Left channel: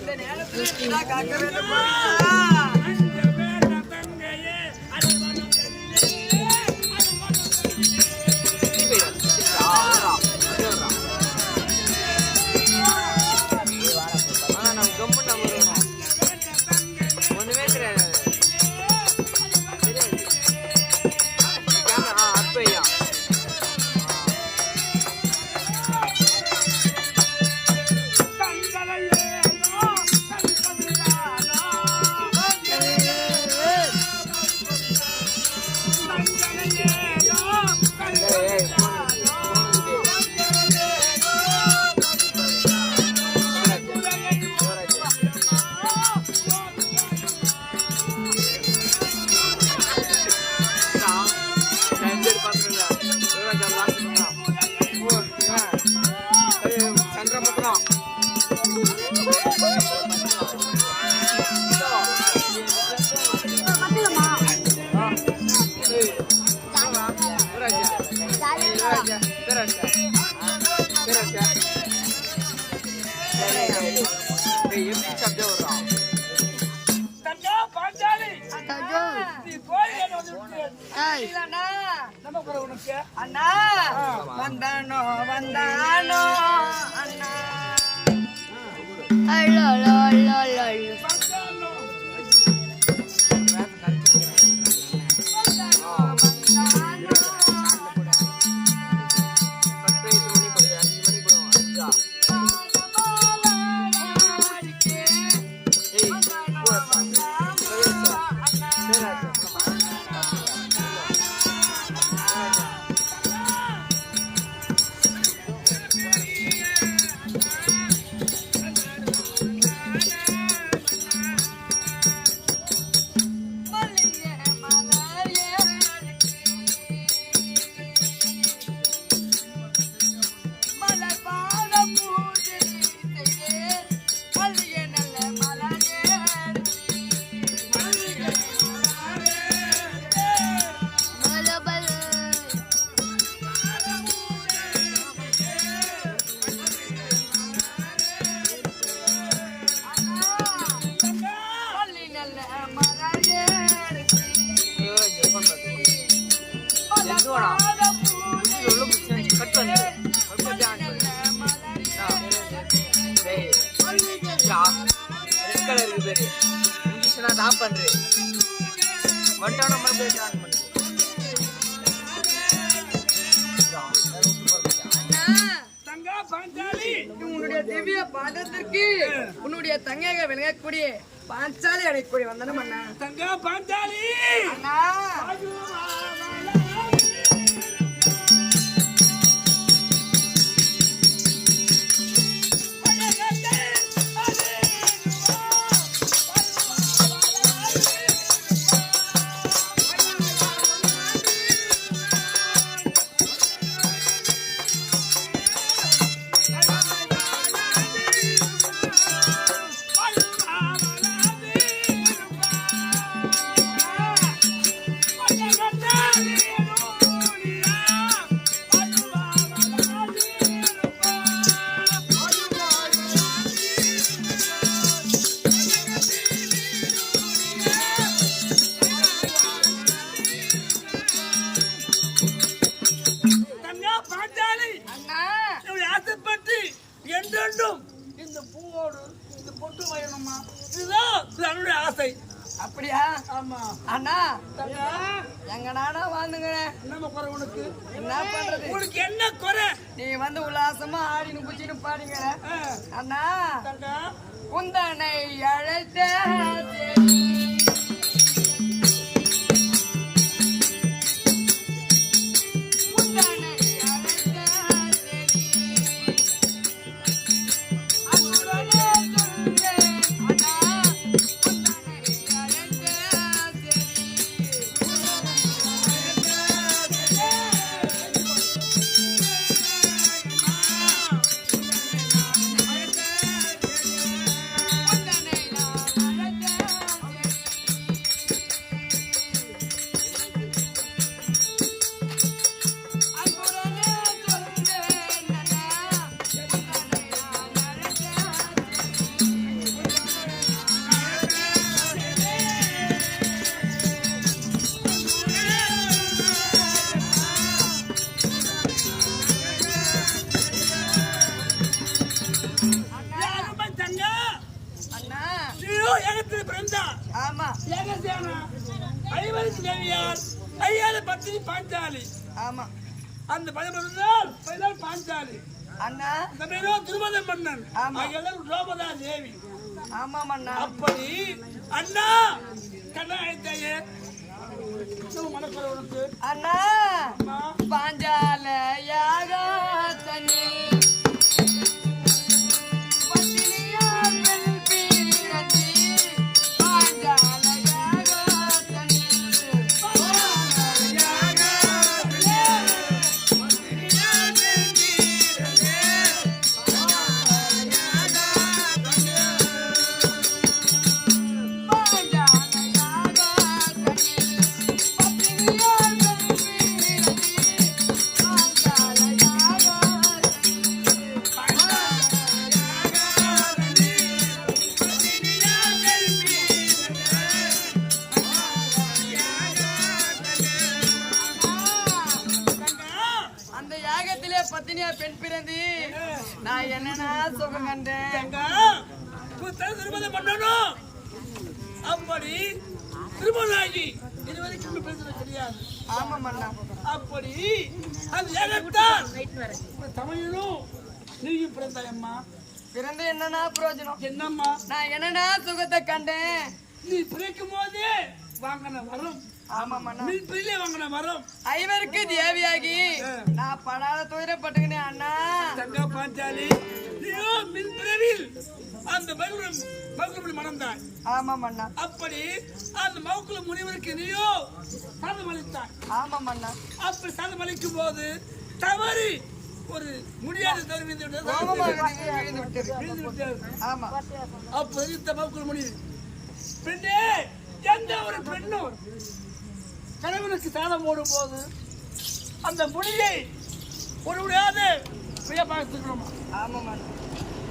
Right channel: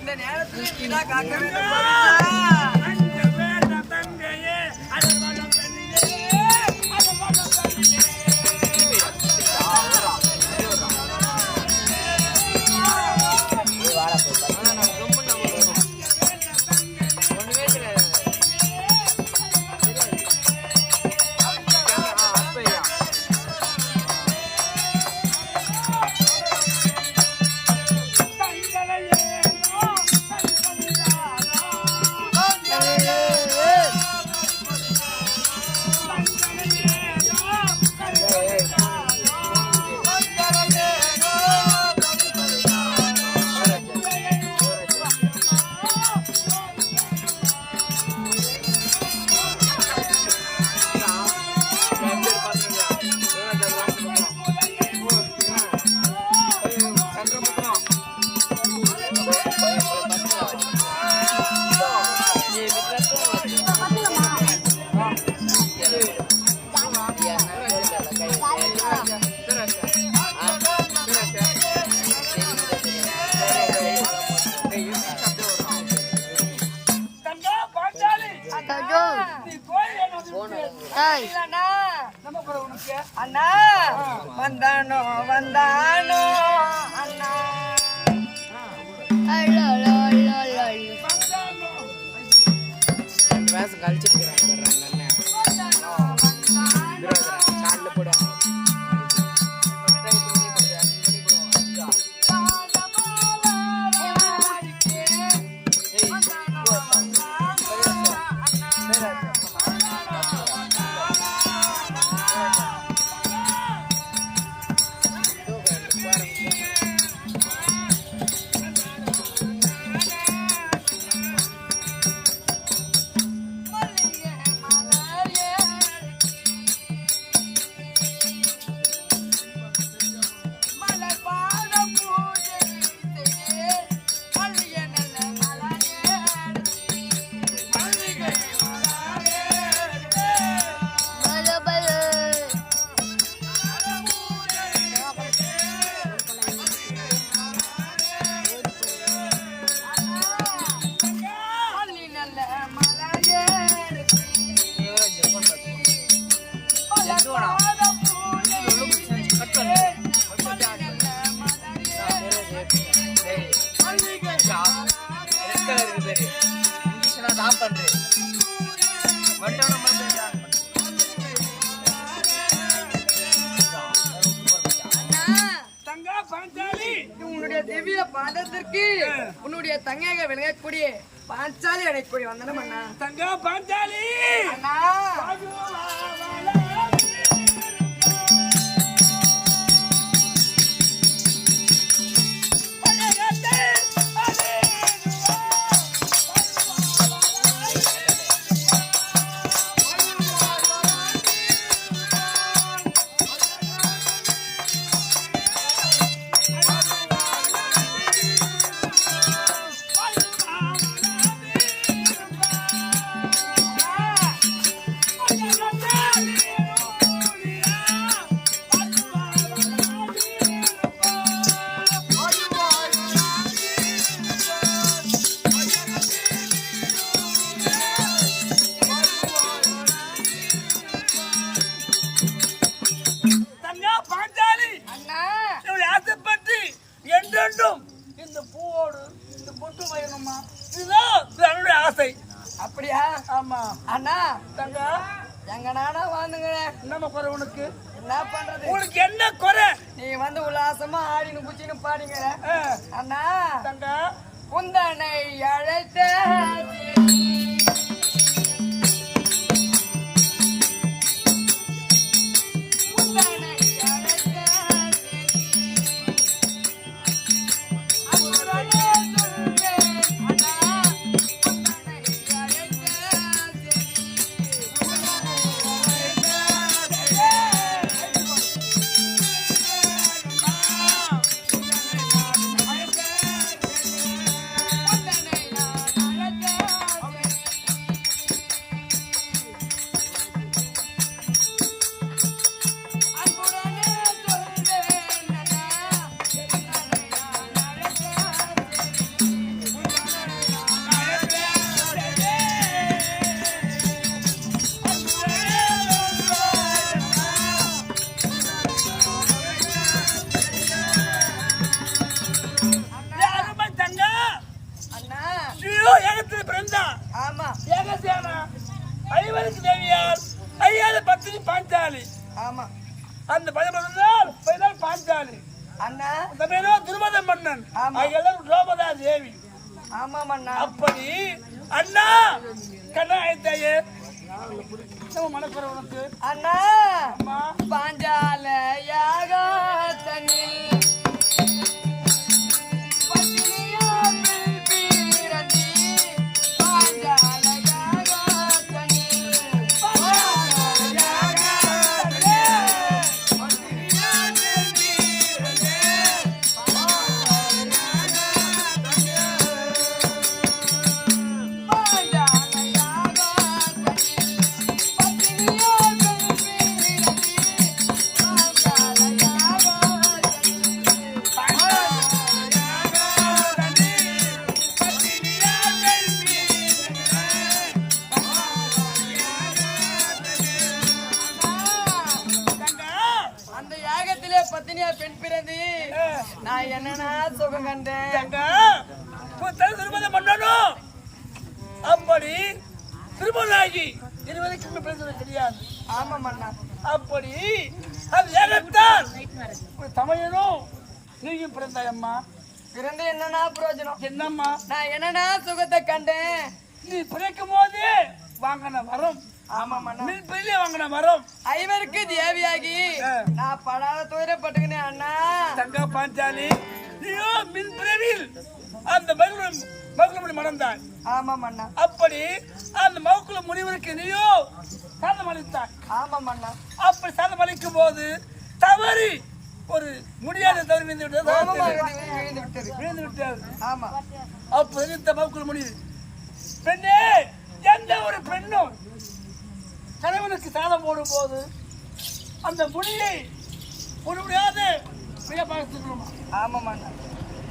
இந்த நேரத்தில் காக்க வேண்டும் கோவிந்தா. அண்ணா வந்தானோ வந்தானோ அண்ணா உன்னுடைய திவ்ய பாதத்திற்கு உன்னுடைய தங்கையாக விளங்கக்கூடிய பாஞ்சாலி அடைக்கூடிய வந்தனம் அண்ணா. தங்கா பாஞ்சாலி அண்ணா இந்த பூவோடு இந்த பொட்டு வைக்கணுமா, இதுதான் ஆசை. அப்படியா? ஆமா அண்ணா. தங்க எங்க நானா வாங்குங்க. என்ன குறை உனக்கு? என்ன பண்றது? உனக்கு என்ன குறை? நீ வந்து உல்லாசமா ஆடினு குச்சின்னு பாடுங்க அண்ணா. தங்க உந்தனை அழைத்த ஏகத்தில் பிறந்தார். ஆமா. ஏகசேனா ஐவருக்கு தேவியார் ஐயாவது பத்தினி பாஞ்சாலி. ஆமா. அந்த 11 பாஞ்சாலி. அண்ணா அந்த பேரோ துருபத மன்னன். எல்லாரும் ரோமதா தேவி. ஆமா அண்ணா. அப்படி அண்ணா கண்ணா ஐத்தாயே நம்ம மனக்குறை உனக்கு. அண்ணா பாஞ்சால யாகத்தனில் பத்தினியா பெண் பிறந்து நான் என்னன்னா சுகம் கண்டேன். திருமணம் பண்ணணும். அப்படி திருமணாகி இருவருக்கும் பேசுறது தெரியாது. ஆமா மன்னா. அப்படி அது ஏகத்தால் தமையனும் நீயும் பிறந்தாயம்மா. பிறந்து என்னன்னா பிரயோஜனம்? என்னம்மா நான் என்னன்னா சுகத்தை கண்டேன். நீ பிறக்கும் போது வாங்கின வரும். ஆமா மன்னா. வாங்கின வரும் ஐவருக்கு தேவியாகி நான் படாத துயரப்பட்டுக்கினேன் அண்ணா. தங்கா பாஞ்சாலி நீயோ மின் பிறவில் அந்த மகுள மணந்தாய். ஆமா மன்னா. அப்படி அந்த மகுள முனிவருக்கு நீயோ சாதம் அளித்தாய். ஆமா மன்னா. அப்படி சாதம் அளிக்கும் போது தவறி ஒரு முடியாத தவறி விழுந்து விட்டது. ஆமா. அப்ப இந்த மகுள முனிவு பெண்ணே எந்த ஒரு பெண்ணும் கணவனுக்கு சாதம் போடும் போது அந்த முடியை ஒரு முடியாது மிக பார்த்துக்கணுமா? ஆமா மன்னா.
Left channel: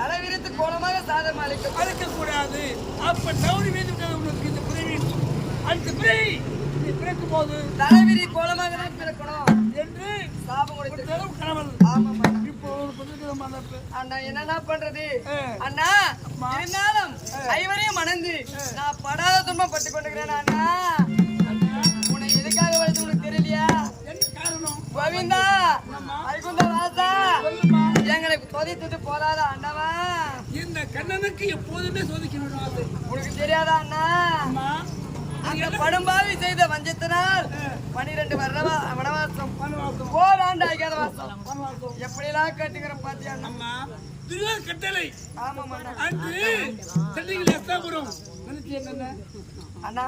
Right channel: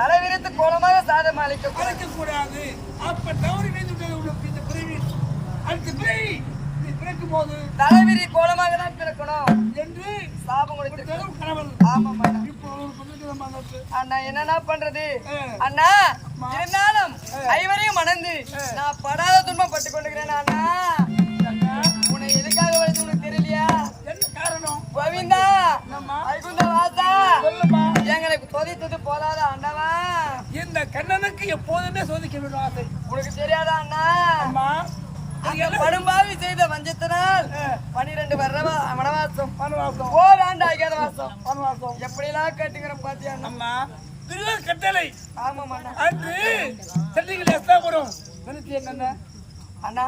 தலைவிரித்து கோலமாக சாதம் அளிக்க கூடாது. அப்ப தவறி வீழ்ந்து உனக்கு இந்த பிறவின் அந்த பிறவி நீ பிறக்கும் போது தலைவிரி கோலமாக தான் பிறக்கணும் என்று சாபம் கொடுத்து கணவன். ஆமா மன்னா. இப்போ அண்ணா என்னன்னா பண்றது அண்ணா? இருந்தாலும் ஐவரையும் மணந்து நான் படாத துன்பம் பட்டு கொண்டுக்கிறேன் அண்ணா. உன்னை எதுக்காக வருது உனக்கு தெரியலையா? என்ன காரணம்? கோவிந்தா வைகுந்த வாசா எங்களை சோதித்தது போதாத அண்ணவா. இந்த கண்ணனுக்கு எப்போதுமே சோதிக்க வேண்டும். உனக்கு தெரியாதா அண்ணா? அந்த படும்பாவி செய்த வஞ்சத்தினால் 12 வனவாசம் ஓராண்டு ஆகியாத வாசம் எப்படி எல்லாம் கட்டுகிற பாத்தியா அண்ணா? கட்டளை. ஆமா மன்னா. அன்று சட்டிகள் அண்ணா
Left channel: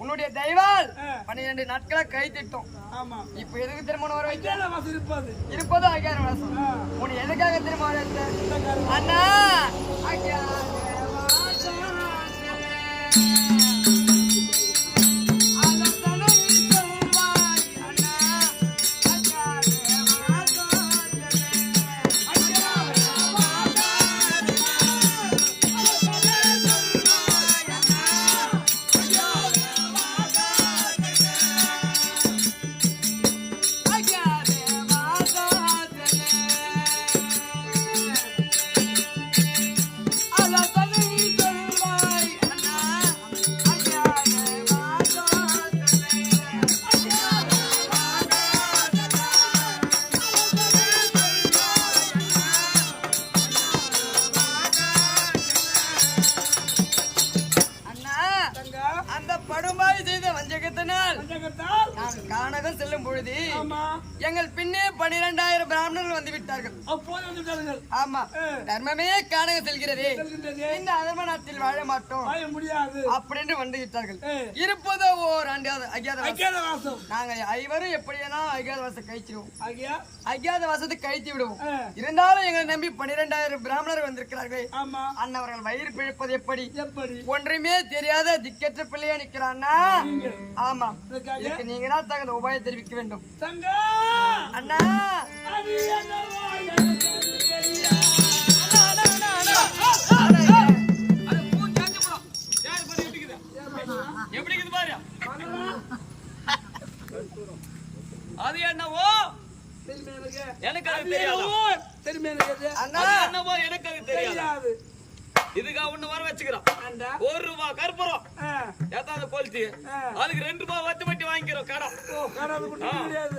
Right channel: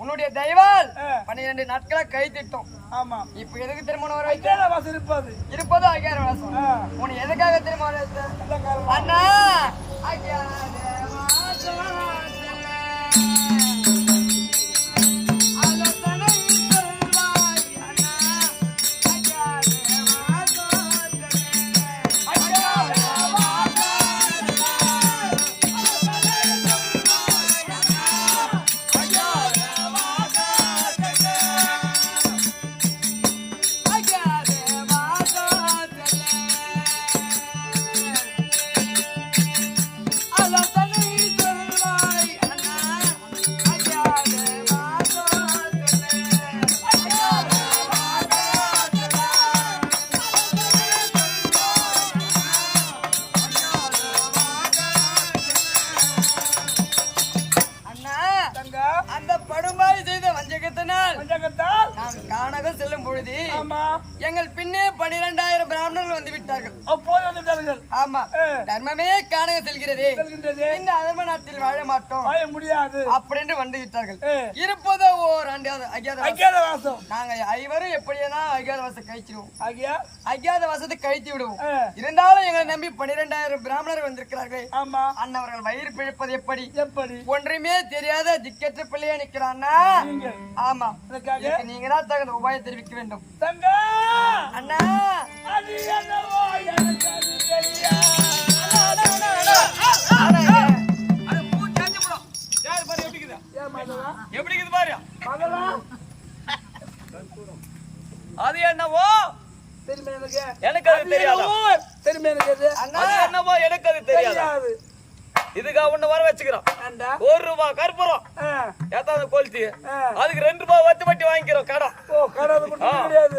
உன்னுடைய தெய்வால் 12 நாட்களா கை திட்டம். ஆமா. இப்ப எதுக்கு திருமணம் வர வைக்க? இருப்பது 5000 வாசம். உன்னை எதுக்காக திருமணம் வர வைத்த அண்ணா? அந்த படும்பாய் செய்த வஞ்சகத்தினால் நான் கானகம் செல்லும் பொழுது எங்கள் பின்னே 12,000 பிராமணர்கள் வந்து விட்டார்கள். ஆமா. தர்மமே கானகம் செல்கிறது, இந்த அதர்ம நாட்டில் வாழ மாட்டோம் முடியாது அப்படின்னு வந்து விட்டார்கள். இருப்பதோ ஓர் அஜாத வாசம். நாங்க ஐவரும் எப்படியா அஜாத வாசம் கழிச்சிடுவோம், அஜாத வாசத்தை கழித்து விடுவோம். இருந்தாலும் எங்களை நம்பி 12,000 பிராமணர்கள் வந்திருக்கிறார்கள். அண்ணவர்கள் வயிறு பிழைப்பது எப்படி? ஒன்றுமே தெரியாத திக்கற்ற பிள்ளையா நிக்கிறான்னா? ஆமா. நீங்க தான் தகுந்த உபாயம் தெரிவிக்க வேண்டும் அண்ணா. எப்படி பாரு அது என்னவோ எனக்கு அது தெரியாது அண்ணா. என்னவோ எனக்கு அது தெரியாது. இதுக்காக ஒண்ணு வர வச்சுக்கிறோம் ஏண்டா? 1 ரூபாய் கற்பூரம் ஏத்தாவது கொளுத்தி அதுக்கு 2 ரூபாய் வச்சு வட்டி வாங்கிக்கிறோம் கடன் ஓ கடவுள் கிடையாது.